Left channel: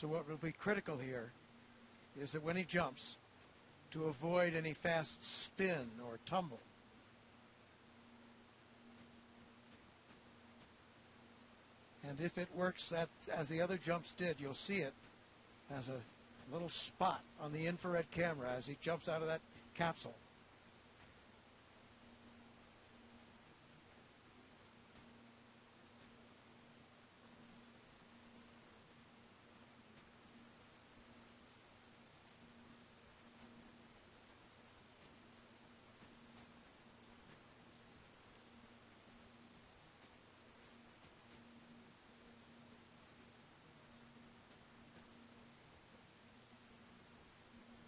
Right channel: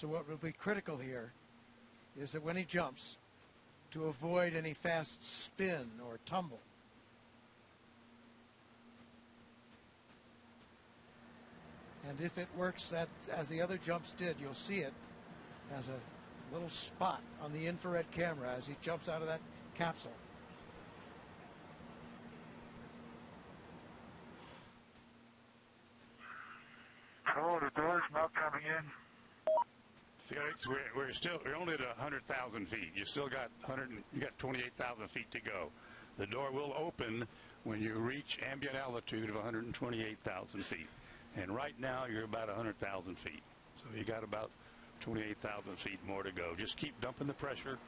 So what will be critical here is that when he jumps, to avoid any fast spin or tumble. And if it works as the other jumps did, you'll see it as a little spot on the infrared camera as he jumps out of that capsule. Oh, the door's not coming in. Felix, we're only at 100,000 feet. You still got 28,000 feet to go. The door will open when you reach ambient altitude of 128,000 feet. And right now you're about 100,000 feet. So you got about 28,000 feet more to go. Just keep dumping the pressure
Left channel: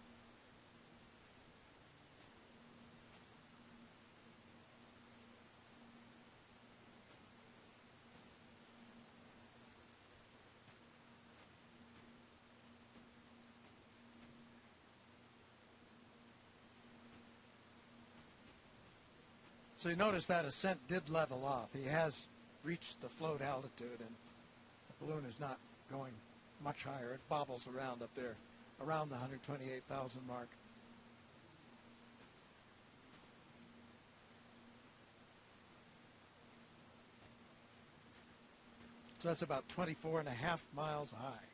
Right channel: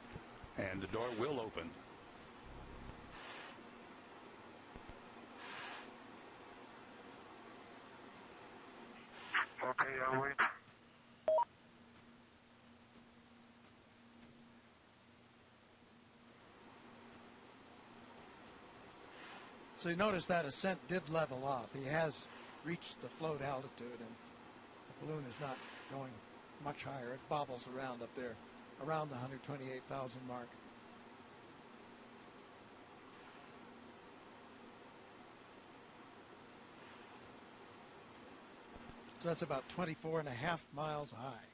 and the door will open. Okay, I'll wait. So you notice that ascent did level off. He has reached the float altitude, and the balloon is not going much higher. It bobbles around up there, around the 128,000 mark. So that's about 24.5 miles high.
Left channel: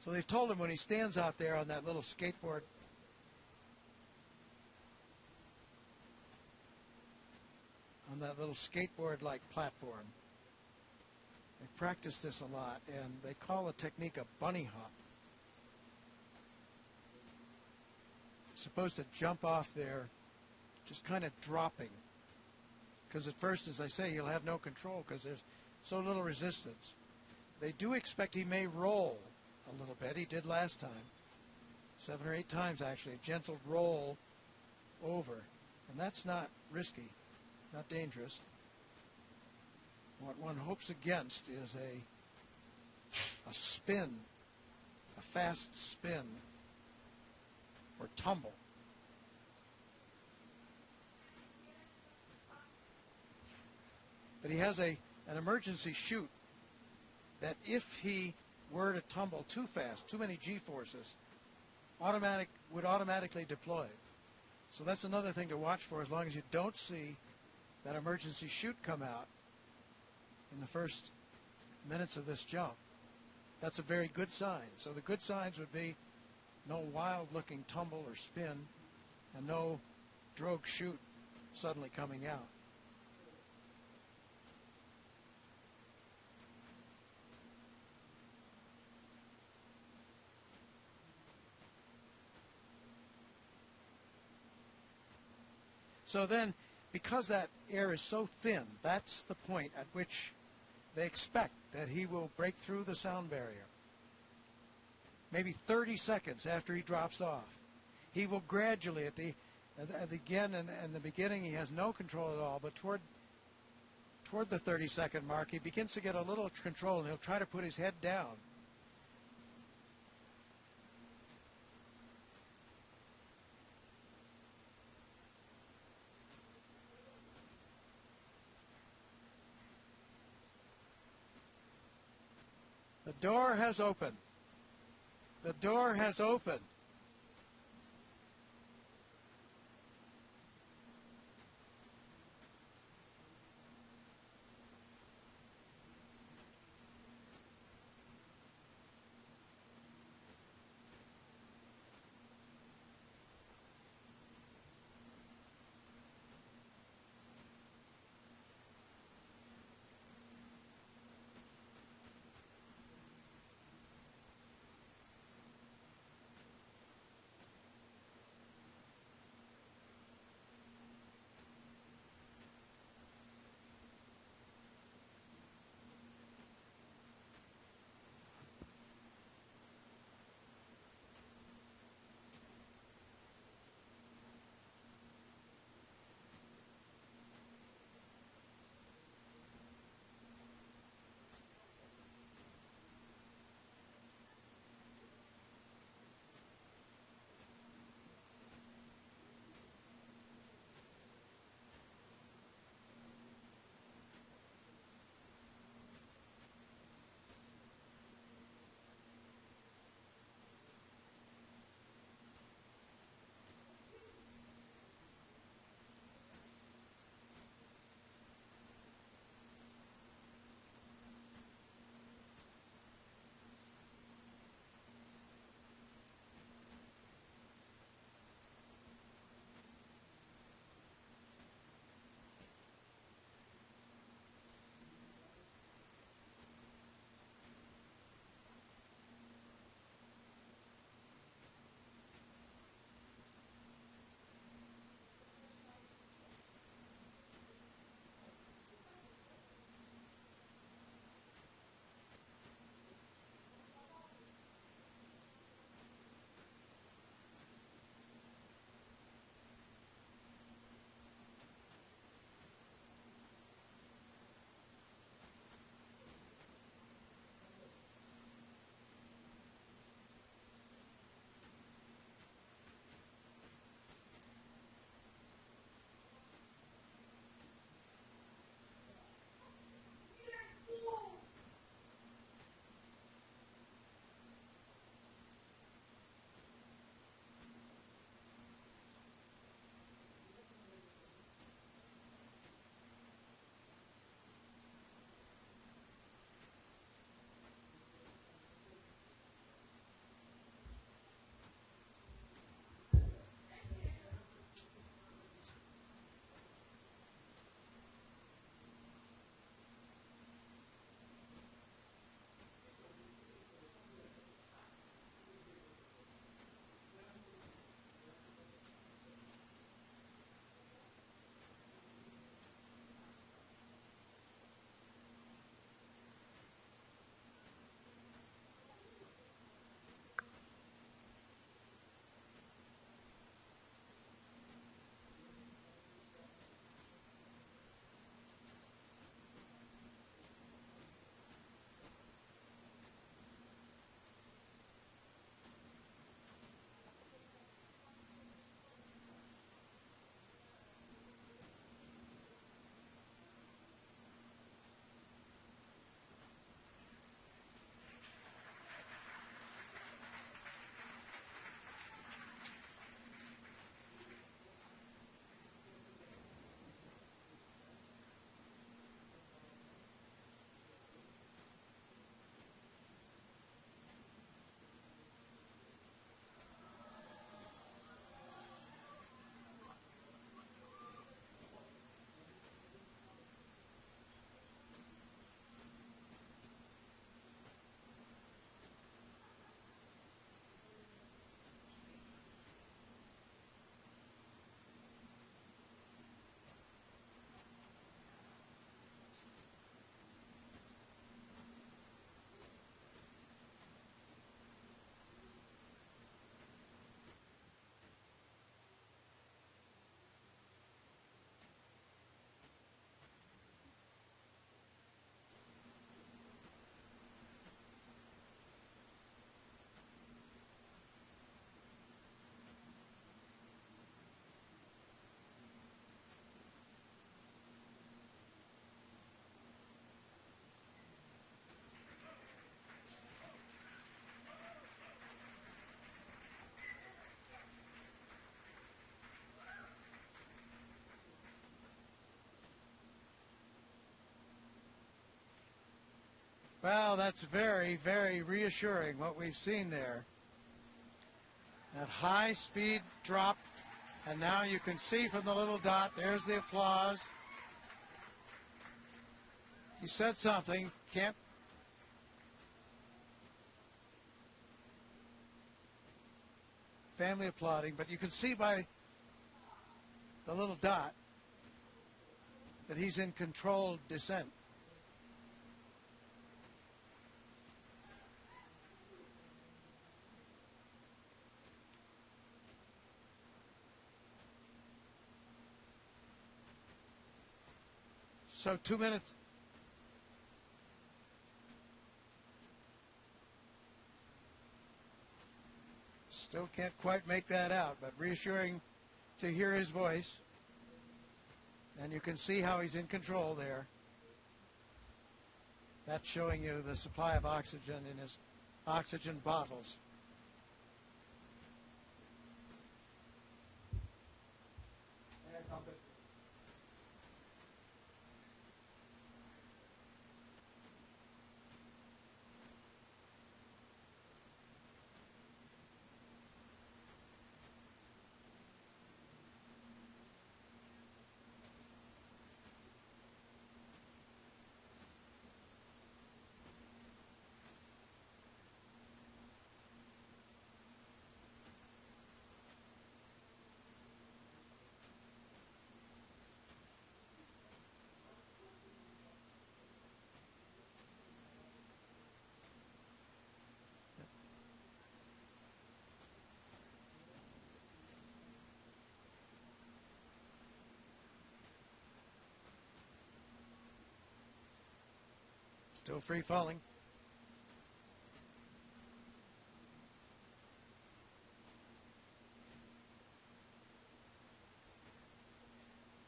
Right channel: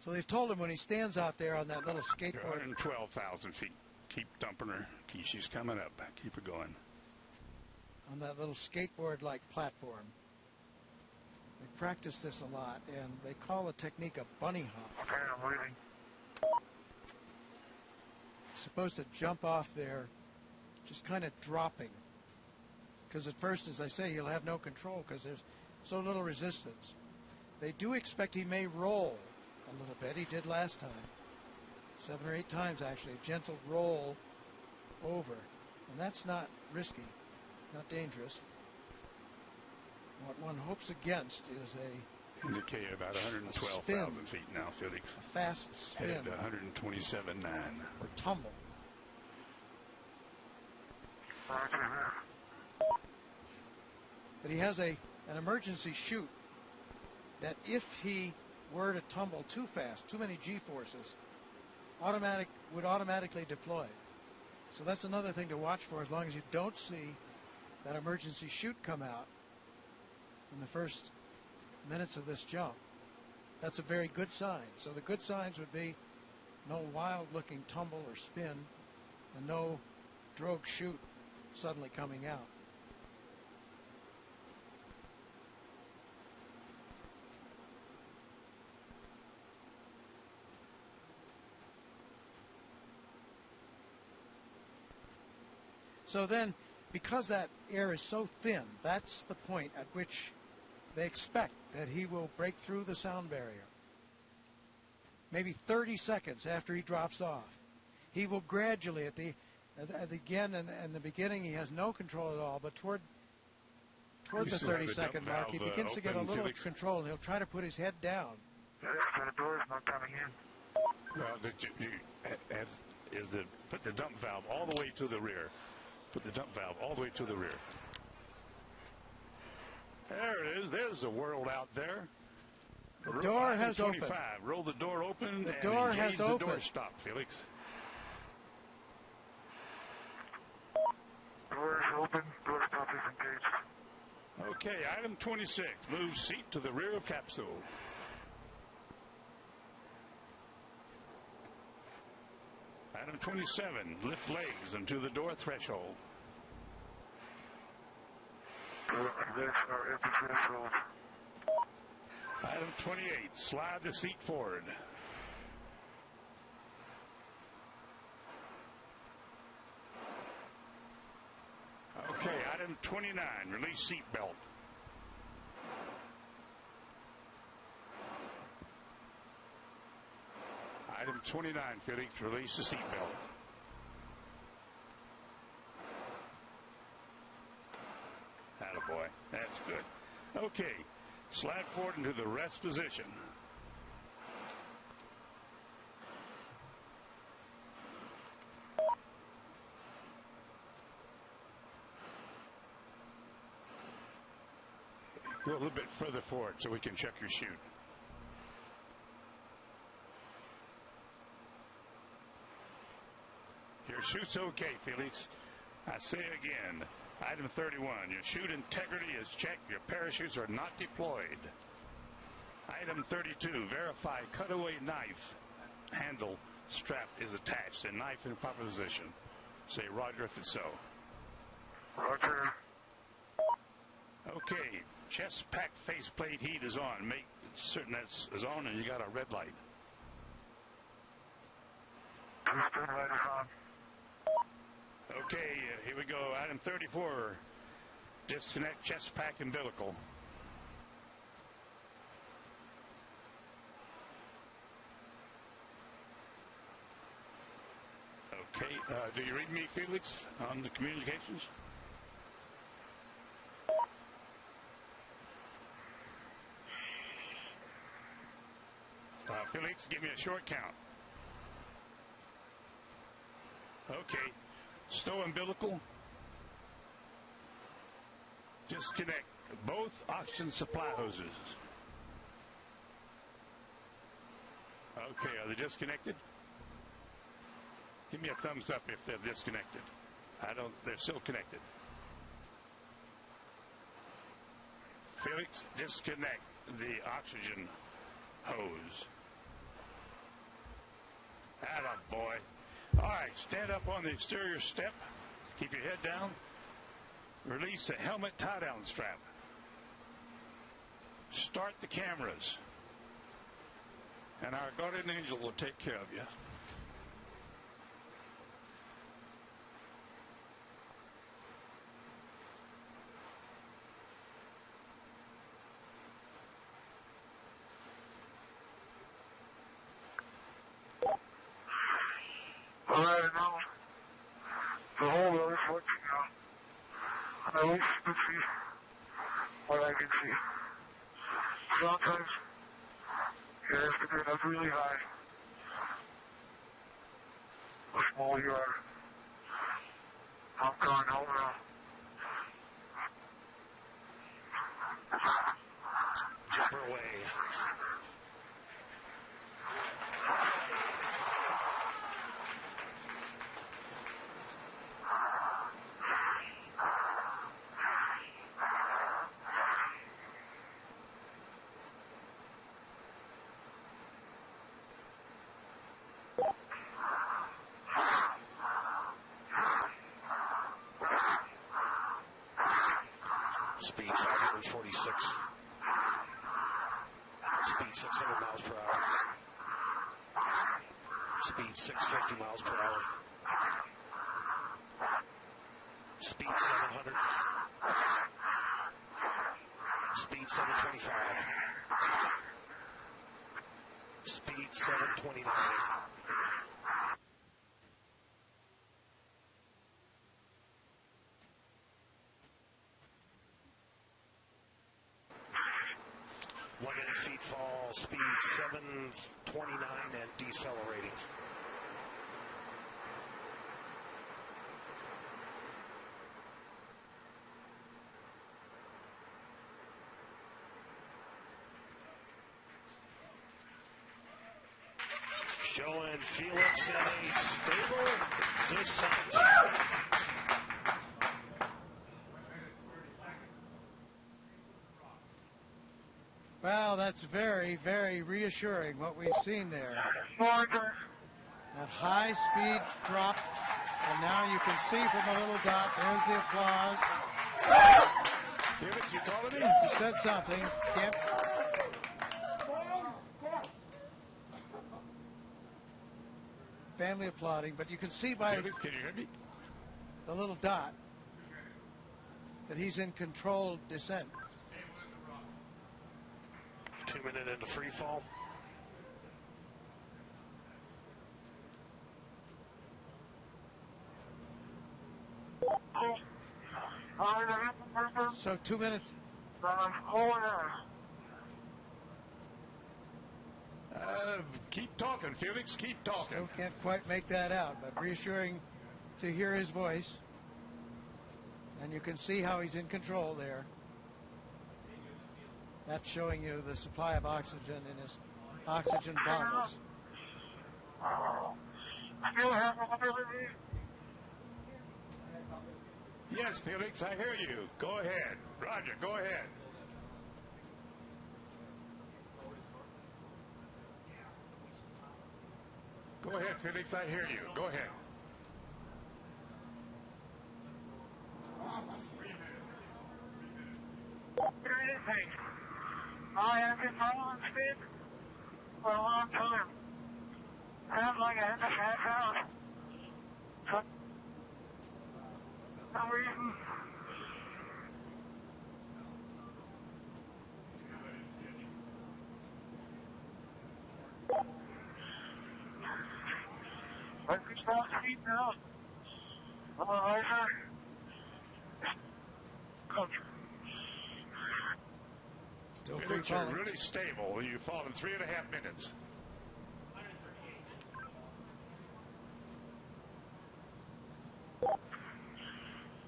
So they've told him when he stands out there on that little skateboard. 112,000 feet. Keep dumping her. She's coming up. Keep her going. On that little skateboard-like platform. They practice this a lot, and they call the technique a bunny hop. Okay, I'm waiting. Supposed to jump off there, just kind of dropping. Because at first, as I say, he'll have no control because there's so little resistance. They do expect he may roll a little bit. He did last time. 7 or 8 times, actually. A gentle roll over. And that's not risky, not dangerous. What one hopes against is a indicate about 112,000 feet now, Felix. A fast spin. 127.9. Or tumble. But he has an emergency chute that if he were to tumble too fast, too many G-forces, would automatically deploy. So that's another thing to watch for as long as you don't see that emergency chute come out in the first minutes of this jump. That's a very good sign. So the good signs would be no wild-looking tumble or spin and no drogue chute suddenly coming out. So then, because that air is so thin, that's the point at which they expect that he will break through the sound barrier. Maybe 30 seconds after he drops off. He will gradually, again in the beginning, he has no control at all, but toward the 30-second mark, he begins to get a little control, and he'll try to put his head down. The door's not coming in. Well, put the dump valve all the way to the rear. Put the dump valve all the way to the rear. There it is. There's the world out there. The door has opened. Roll the door open. The door has opened. The door stop, Felix. Door is open. Door stop is engaged. Okay, item 26. Move seat to the rear of capsule. Item 27. Lift legs into the door threshold. Legs are at the threshold. Item 28. Slide the seat forward. Okay, item 29. Release seat belt. Item 29, Felix, release the seatbelt. Attaboy, that's good. Okay, slide forward into the rest position. Go a little bit further forward so we can check your chute. Your chute's okay, Felix. I say again, item 31, your chute integrity is checked. Your parachutes are not deployed. Item 32, verify cutaway knife handle strap is attached and knife in proper position. Say roger if it's so. Roger. Okay, chest pack faceplate heat is on. Make certain that's is on and you got a red light. Two-speed light is on. Okay, here we go. Item 34, disconnect chest pack umbilical. Okay, do you read me, Felix, on the communications? Felix, give me a short count. Okay, stow umbilical. Disconnect both oxygen supply hoses. Okay, are they disconnected? Give me a thumbs up if they're disconnected. They're still connected. Felix, disconnect the oxygen hose. Attaboy. All right, stand up on the exterior step. Keep your head down. Release the helmet tie-down strap. Start the cameras. And our guardian angel will take care of you. All right, now, the whole road is working out. At least you can see what I can see. Sometimes you have to get up really high. The smaller you are. I'm going home now. Jumper away. Speed 546. Speed 600 miles per hour. Speed 650 miles per hour. Speed 700. Speed 725. Speed 729. Feet fall, speed 729 and decelerating. Showing Felix in a stable descent. Well, that's very, very reassuring what we've seen there. That high-speed drop, and now you can see from the little dot, there's the applause. Felix, you calling me? He said something. Can't. Family applauding, but you can see by Felix, can you hear me? the little dot that he's in controlled descent. 2 minute into free fall. So 2 minutes. Keep talking, Felix. Keep talking. Still can't quite make that out, but reassuring to hear his voice. And you can see how he's in control there. That's showing you the supply of oxygen in his oxygen bottles. Still have mobility. Yes, Felix, I hear you. Go ahead. Roger, go ahead. Go ahead, Felix, I hear you. Go ahead. Hear anything? I have been following speed for a long time. Sounds like I had to pass out. For some reason. I can stop speed now. I'm a riser. Still free Felix, you're falling. really stable. You fall in 3.5 minutes.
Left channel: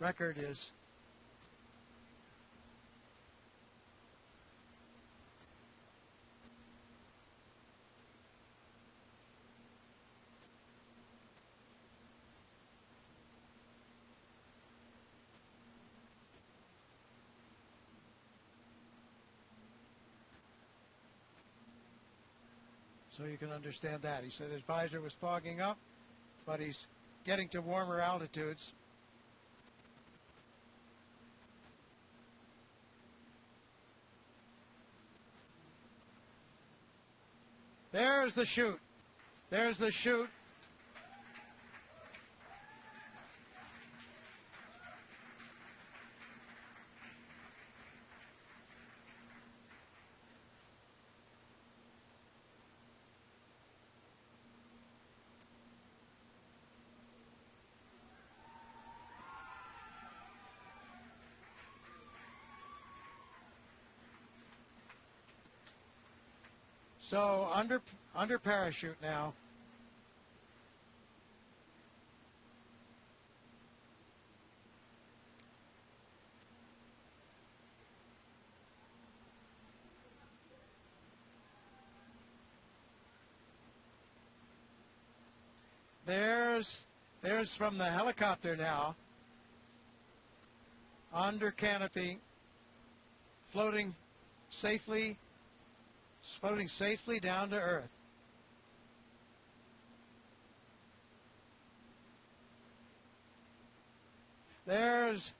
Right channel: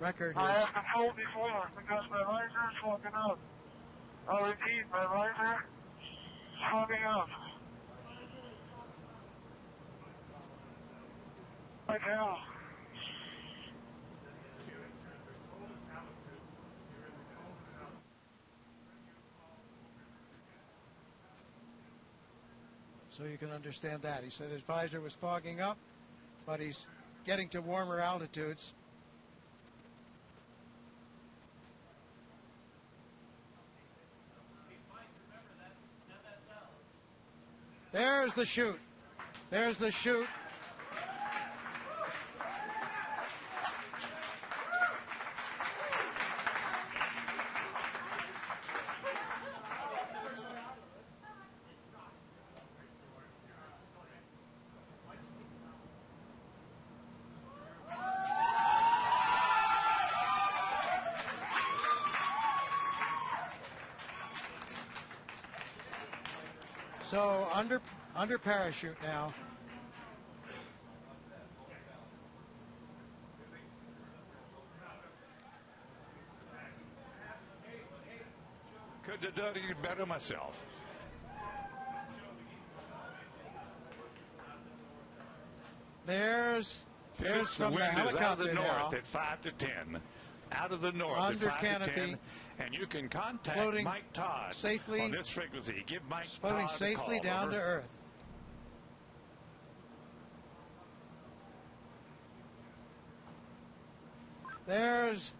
Record I is have been told before because my riser is fogging up. I'll repeat, my riser is fogging up. Right now. so you can understand that. He said his visor was fogging up, but he's getting to warmer altitudes. There's the chute. There's the chute. So under parachute now. Couldn't have done any better myself. There's Felix, from the wind is out of helicopter the north now. at 5 to 10. Out of the north Under at 5 to 10. canopy. And you can contact Floating Mike Todd safely- on this frequency. Give Mike Floating Todd a safely call. down Over. to Earth. There's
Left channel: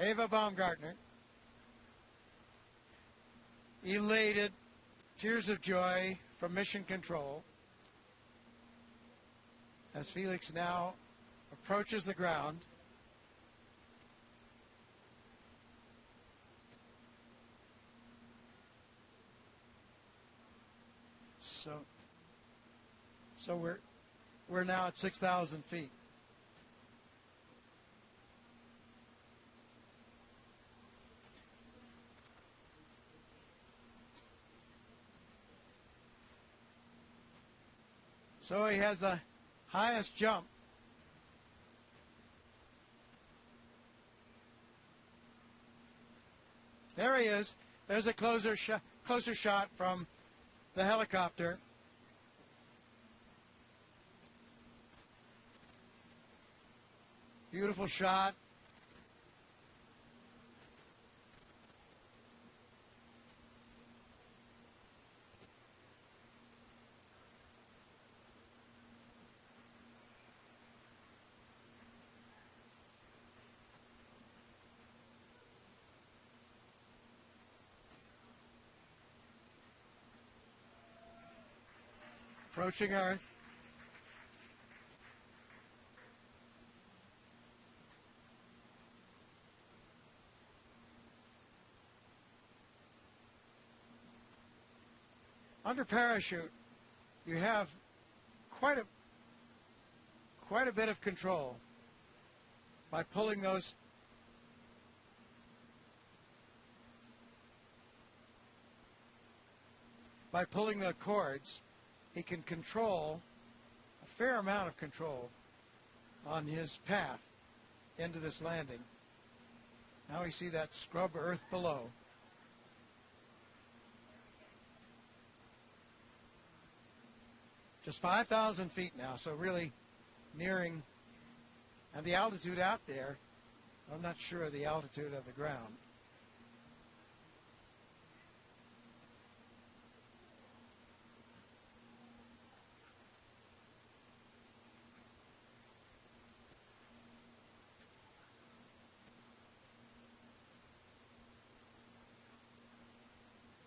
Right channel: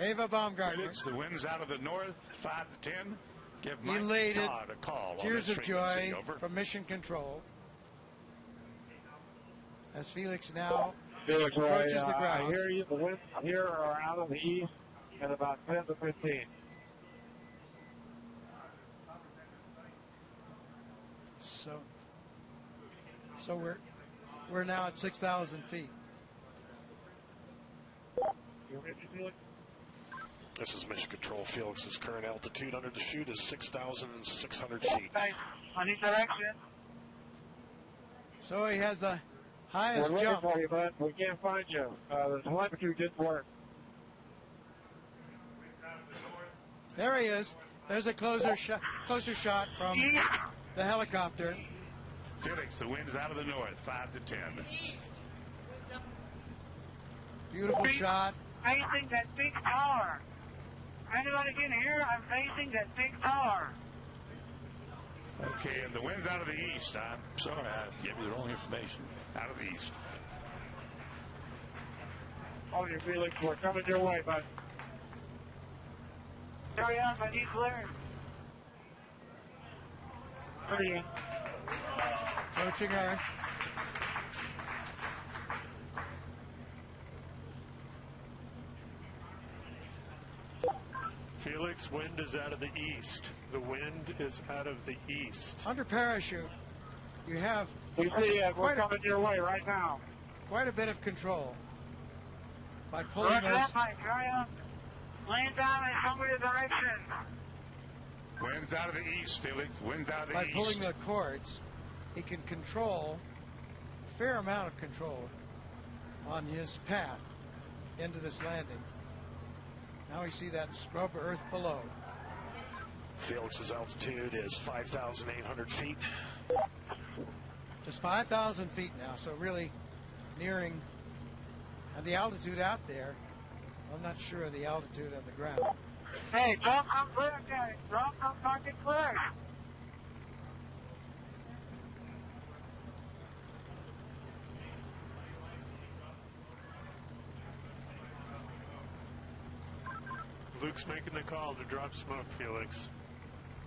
Ava Baumgartner. Felix, the wind's out of the north, 5 to 10. Give Mike Elated. Todd a call. Tears on of this frequency. joy Over. from Mission Control. As Felix now Felix, approaches the I ground. hear you. The winds here are out of the east at about 10 to 15. So we're now at 6,000 feet. You ready, Felix? This is Mission Control. Felix's current altitude under the chute is 6,600 feet. Nice. I need direction. So he has the highest We're looking jump. for you, bud. We can't find you. The telemetry didn't work. There he is. There's a closer shot from the helicopter. Felix, the wind's out of the north, 5 to 10. Beautiful shot. Facing that big tower. Anybody can hear? I'm facing that big tower. Okay, and the wind's out of the east. I'm sorry, I gave you the wrong information. Out of the east. Oh, you Felix, we're coming your way, bud. Hurry up, I need clearance. Hurry up. Approaching Earth. Felix, wind is out of the east. The wind is out of the east. Under parachute, you have We see you. We're coming your way right now. quite a bit of control by pulling Roger those. that, Mike. Hurry up. Lane down and show me the direction. Wind's out of the east, Felix. Wind's out of the By east. pulling the cords, he can control a fair amount of control on his path into this landing. Now we see that scrub earth below. Felix's altitude is 5,800 feet. Just 5,000 feet now, so really nearing the altitude out there. I'm not sure of the altitude of the ground. Hey, don't come clear, Daddy. Don't come fucking clear. Luke's making the call to drop smoke, Felix.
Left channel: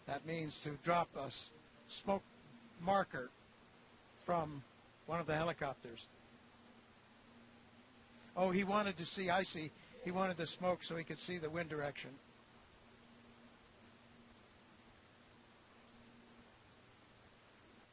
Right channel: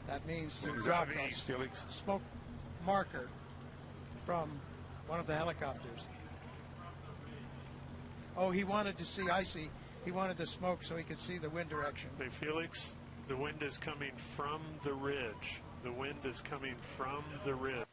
That means to Who's drop out a east, Felix? smoke marker from one of the helicopters. Oh, he wanted to see, I see. He wanted the smoke so he could see the wind direction. Hey, Felix, the wind is coming from the ridge. The wind is coming from the ridge.